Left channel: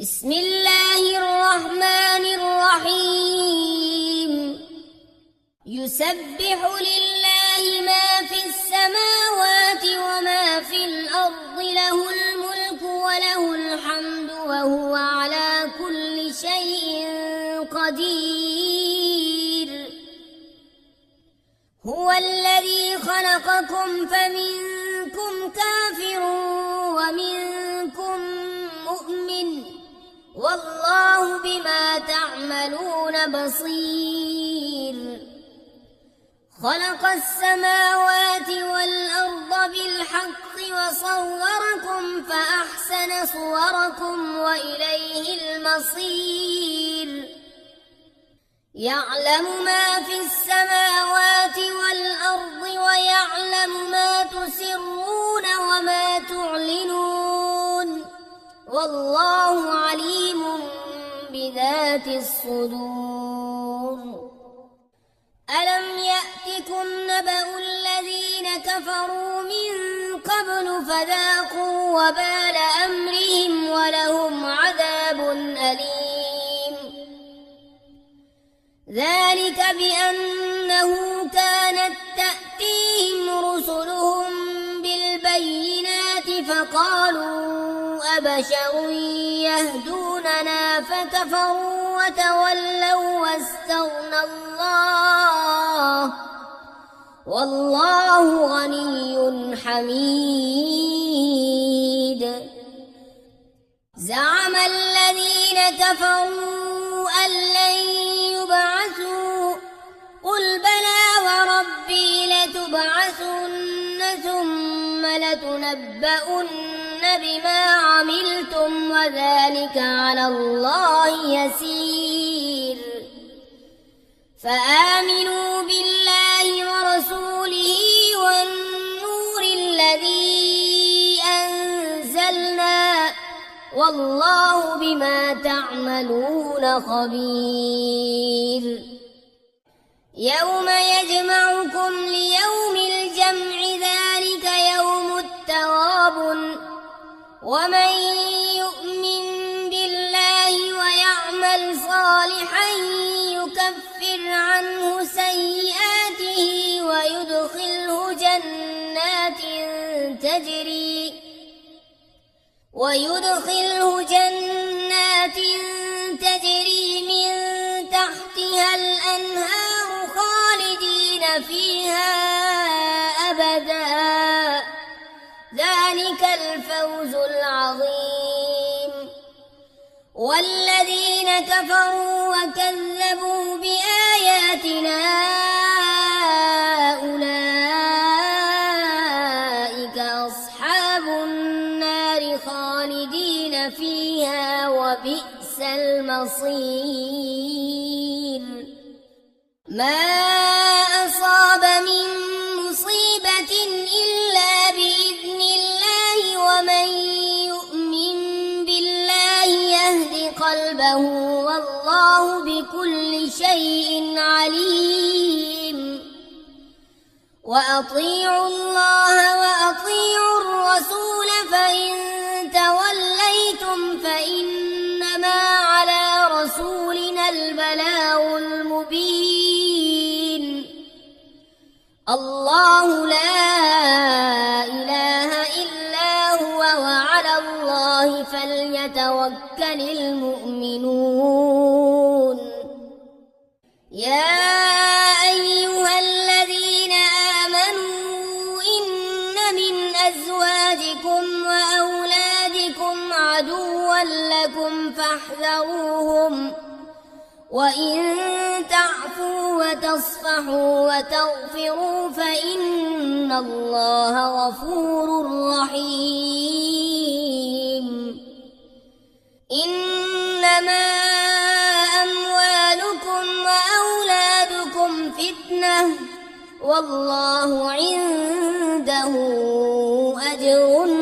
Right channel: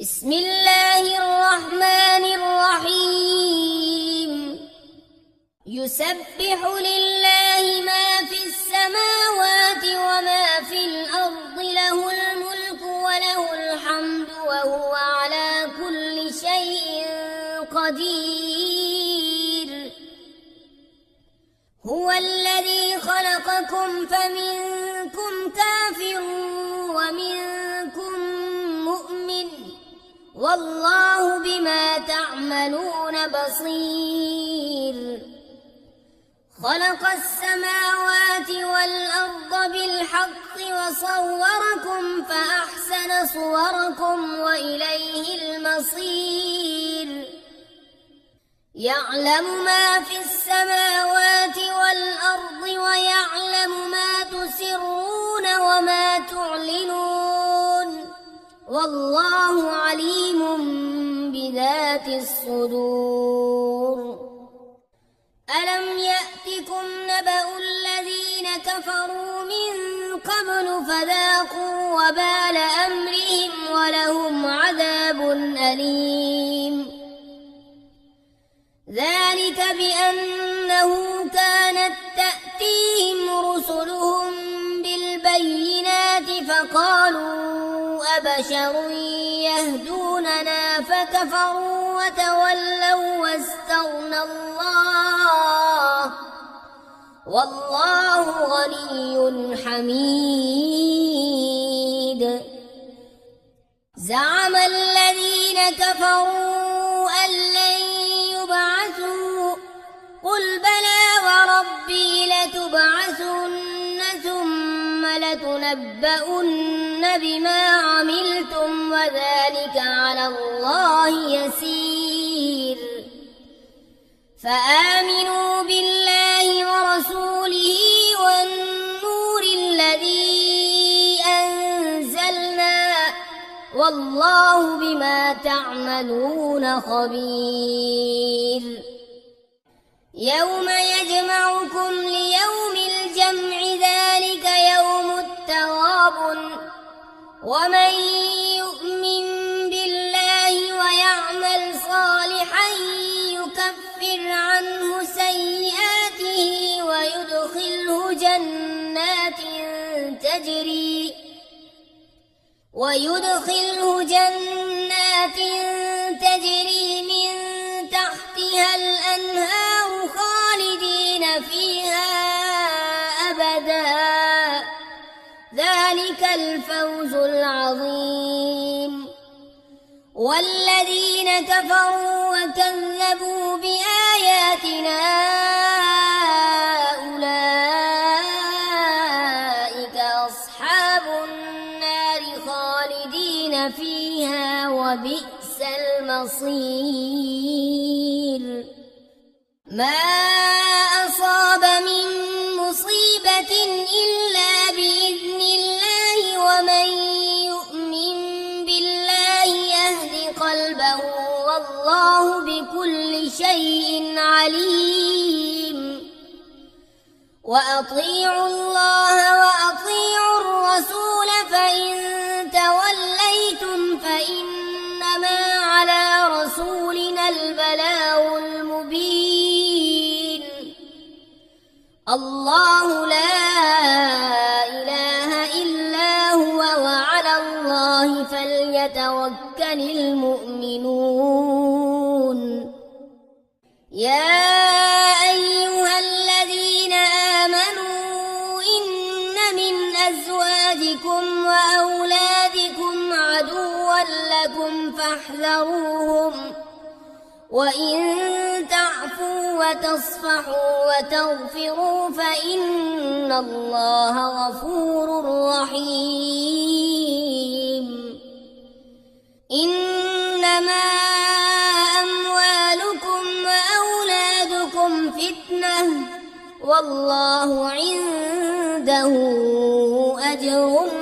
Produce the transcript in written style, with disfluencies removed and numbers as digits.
بسم الله الرحمن الرحيم يسبح لله ما في السماوات وما في الأرض له الملك وله الحمد وهو على كل شيء قدير هو الذي خلقكم فمنكم كافر ومنكم مؤمن والله بما تعملون بصير خلق السماوات والأرض بالحق وصوركم فأحسن صوركم وإليه المصير يعلم ما في السماوات والأرض ويعلم ما تسرون وما تعلنون والله عليم بذات الصدور ألم يأتكم نبأ الذين كفروا من قبل فذاقوا وبال أمرهم ولهم عذاب أليم ذلك بأنه كانت تأتيهم رسلهم بالبينات فقالوا أبشر يهدوننا فكفروا وتولوا واستغنى الله والله غني حميد زعم الذين كفروا أن لن يبعثوا قل بلى وربي لتبعثن ثم لتنبؤن بما عملتم وذلك على الله يسير فآمنوا بالله ورسوله والنور الذي أنزلنا والله بما تعملون خبير يوم يجمعكم ليوم الجمع ذلك يوم التغابن ومن يؤمن بالله ويعمل صالحا يكفر عنه سيئاته ويدخله جنات تجري من تحتها الأنهار خالدين فيها أبدا ذلك الفوز العظيم والذين كفروا وكذبوا بآياتنا أولئك أصحاب النار خالدين فيها وبئس المصير ما أصاب من مصيبة إلا بإذن الله ومن يؤمن بالله يهد قلبه والله بكل شيء عليم وأطيعوا الله وأطيعوا الرسول فإن توليتم فإنما على رسولنا البلاغ المبين الله لا إله إلا هو وعلى الله فليتوكل المؤمنون يا أيها الذين آمنوا إن من أزواجكم وأولادكم عدوا لكم فاحذروهم وإن تعفوا وتصفحوا وتغفروا فإن الله غفور رحيم إنما أموالكم وأولادكم فتنة والله عنده أجر